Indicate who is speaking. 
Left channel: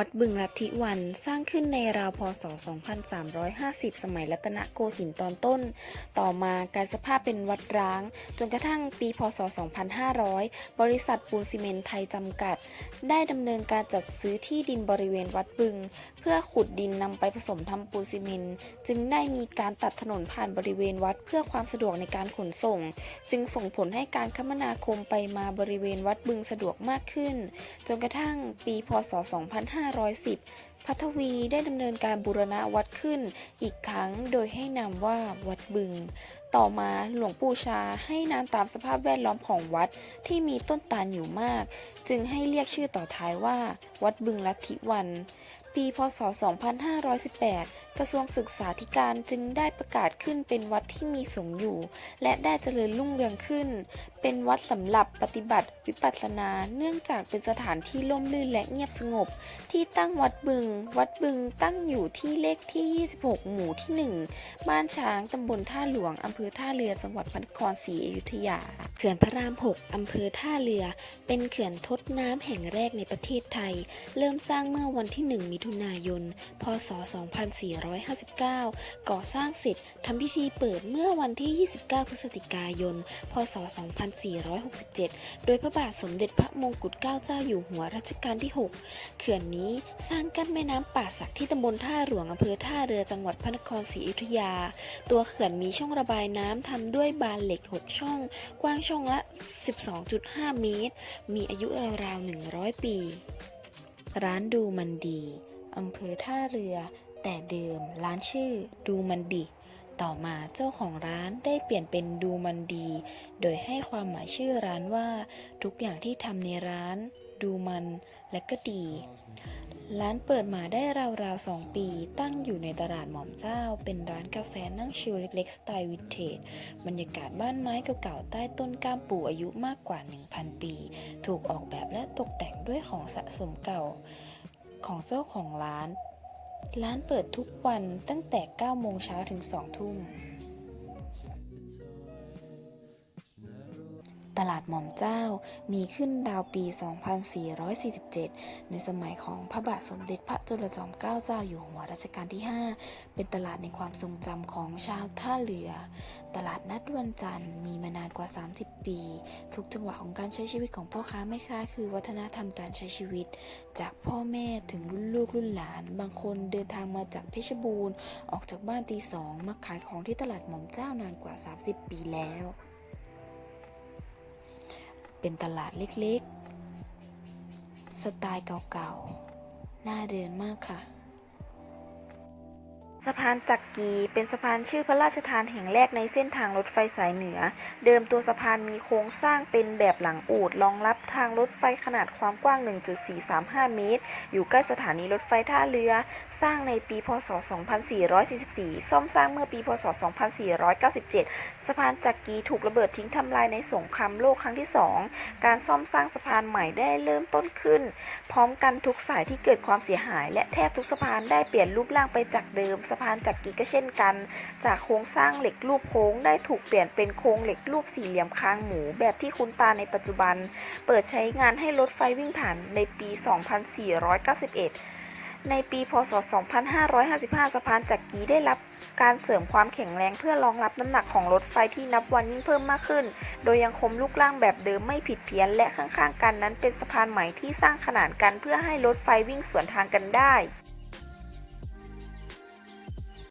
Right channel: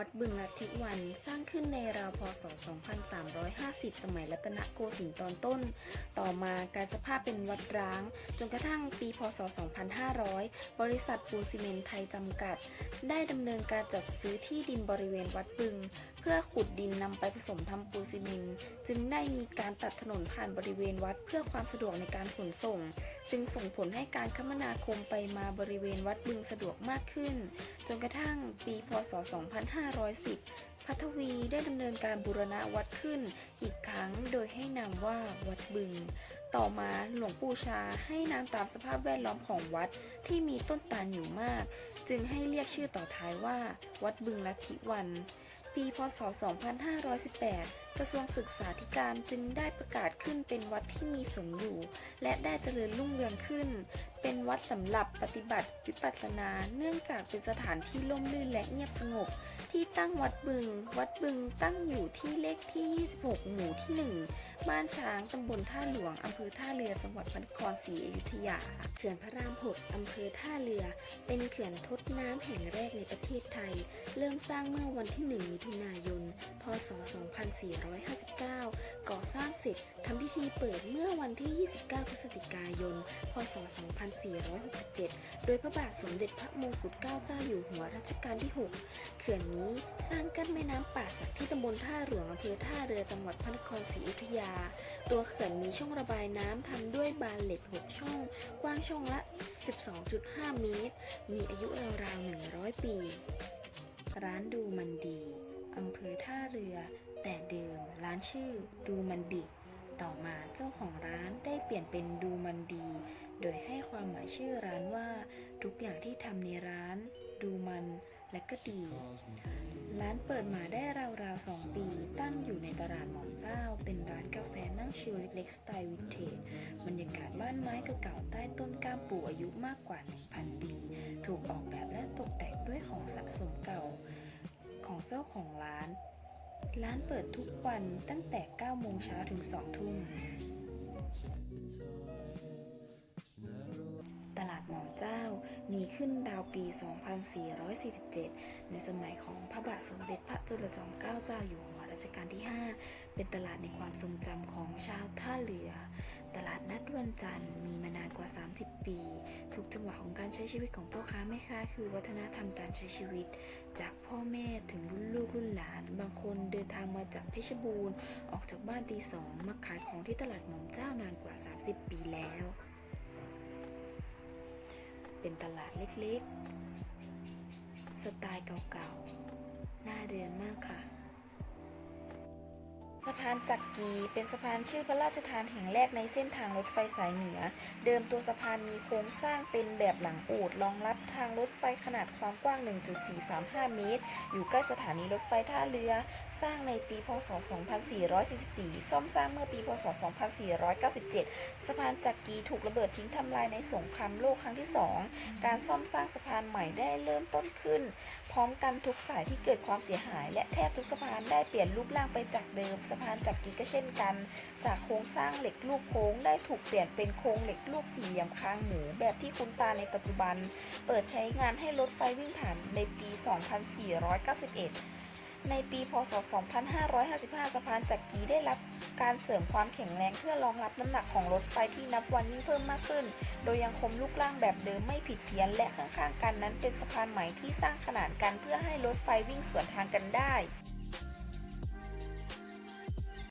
Speaker 1: วัดบึงลัทธิวันสร้างขึ้นในราวพศ 2350 สมัยรัตนโกสินทร์ตอนต้น ต่อมากลายสภาพเป็นวัดร้าง จนกระทั่งปีพศ 2500 บริษัทปูนซีเมนต์ไทยจำกัด ได้ดำเนินการจัดซื้อที่ดินบริเวณวัดบึง พื่อขุดดินนำไปผสมทำปูนซีเมนต์จึงได้มีการตัดถนนผ่านบริเวณวัดเพื่อความสะดวกในการขนส่ง จึงส่งผลให้การคมนาคมไปมาบริเวณวัดบึงสะดวกมากขึ้น จนกระทั่งปีพศ 2510 พัทวีได้ดำเนินการบูรณะวัดขึ้น อีกครั้งโดยให้นามว่าวัดบึง ต่อมาหลวงปู่ชาให้นามตามสภาพแวดล้อมของวัดที่มีต้นตาลอยู่มาก จึงให้เรียกชื่อต่อท้ายว่า วัดบึงลัทธิวัน ปีพศ 2518 กระทรวงศึกษาธิการจึงได้ประกาศขึ้นเป็นวัดที่มีสงฆ์อยู่ และได้เจริญรุ่งเรืองขึ้น เป็นวัดสำหรับปฏิบัติวิปัสสนา เนื่องจากเป็นสถานที่ร่มรื่นและเงียบสงบ ที่ตั้งวัดบึง วัดบึงตั้งอยู่ที่เลขที่ 26 หมู่ที่ 1 บ้านช้างตำบลท่าหลวงอำเภอท่าเรือจังหวัดพระนครศรีอยุธยา เขื่อนพระราม 6อำเภอท่าเรือ เป็นเขื่อนทดน้ำแห่งแรกในประเทศไทย เริ่มสร้างเมื่อวันที่ 1 มิถุนายน พศ 244 2459 ก่อสร้างเสร็จทำพิธีเปิดเมื่อวันที่ 29 พฤศจิกายน พศ 2467 โดยพระบาทสมเด็จพระมงกุฎเกล้าเจ้าอยู่หัวรัชกาลที่ 6 เขื่อนนี้สร้างกั้นแม่น้ำป่าสักที่ตำบลท่าหลวงอำเภอท่าเรือจังหวัดพระนครศรีอยุธยา ตัวเขื่อนมีช่องระบายน้ำทำด้วยบานเหล็ก 6 ช่อง กว้างช่องละ 12.5 เมตร มีอายุราวๆ 100 ปี ร้านดูมันดี อำเภอท่าเรือ แต่เดิมร้านชื่อดูมันดิ ต่อมาเจ้าของร้านได้เปลี่ยนเป็นดูมันดี โดยให้ความหมายชื่อร้านว่า ทุกอย่างที่ทำในร้าน ดูมันและก็ดี ร้านเปิดมาได้ราวๆ 2 ปี ตั้งอยู่ในตลาดหม่อมเจ้า เป็นร้านกาแฟนั่งชิลเล็กๆ สไตล์วินเทจ บรรยากาศบ้านไม้เก่าๆ ใต้ต้นก้ามปู่อายุมากกว่า 1,000 ปี ถูกออกแบบและตกแต่งด้วยของสะสมเก่าของเจ้าของร้าน ร้านเปิดทุกวันตั้งแต่ 9 โมงเช้าถึง 2 ทุ่ม ตลาดหม่อมเจ้ามีขึ้นราวปี 2447 ในสมัยของพระบาทสมเด็จพระจุลจอมเกล้าเจ้าอยู่หัวรัชกาลที่ 5 เป็นตลาดในความทรงจำของชาวท่าเรือ ตลาดนัดวันจันทร์มีมานานกว่า 30 ปี ทุกจังหวะของการใช้ชีวิตของพ่อค้าแม่ค้าคือวัฒนธรรมการใช้ชีวิต จากพ่อแม่ถึงรุ่นลูกรุ่นหลาน บางคนเดินทางมาจากเพชรบูรณ์ ออกจากบ้านตีสองมาขายของที่ตลาดหม่อมเจ้านานกว่า 30 ปีแล้ว เป็นตลาดเล็กๆ สไตล์เก่าๆ น่าเดินมากค่ะ สะพานจักรีเป็นสะพานชื่อพระราชทานแห่งแรกในเส้นทางรถไฟสายเหนือ เดิมตัวสะพานมีโครงสร้างเป็นแบบหลังอูดรองรับทางรถไฟขนาดความกว้าง 1.435 เมตร อยู่ใกล้สถานีรถไฟท่าเรือ สร้างในปี พศ 2444 ซ่อมสร้างเมื่อปี พศ 2497 สะพานจักรีถูกระเบิดทิ้งทำลายในสงครามโลกครั้งที่ 2 การซ่อมสร้างสะพานใหม่ได้เริ่มต้นขึ้น พร้อมกันทุกสายที่เกิดความเสียหาย และแทบทุกสะพานได้เปลี่ยนรูปร่างไปจากเดิมสะพานจักรีก็เช่นกัน จากโครงสร้างเหล็กรูปโค้งได้ถูกเปลี่ยนเป็นโครงเหล็กรูปสี่เหลี่ยมคางหมู แบบที่คุ้นตาในปัจจุบัน เปิดใช้งานให้รถไฟวิ่งผ่านในปี 2491 ในปีพศ 2555 สะพานจักรีได้รับการเสริมความแข็งแรงเพื่อรองรับน้ำหนักของรถไฟที่นับวันยิ่งเพิ่มมากขึ้น โดยยังคงรูปร่างแบบเดิมไม่ผิดเพี้ยน และข้างๆ กันนั้นเป็นสะพานใหม่ที่สร้างขนานกันเพื่อให้รถไฟวิ่งสวนทางกันได้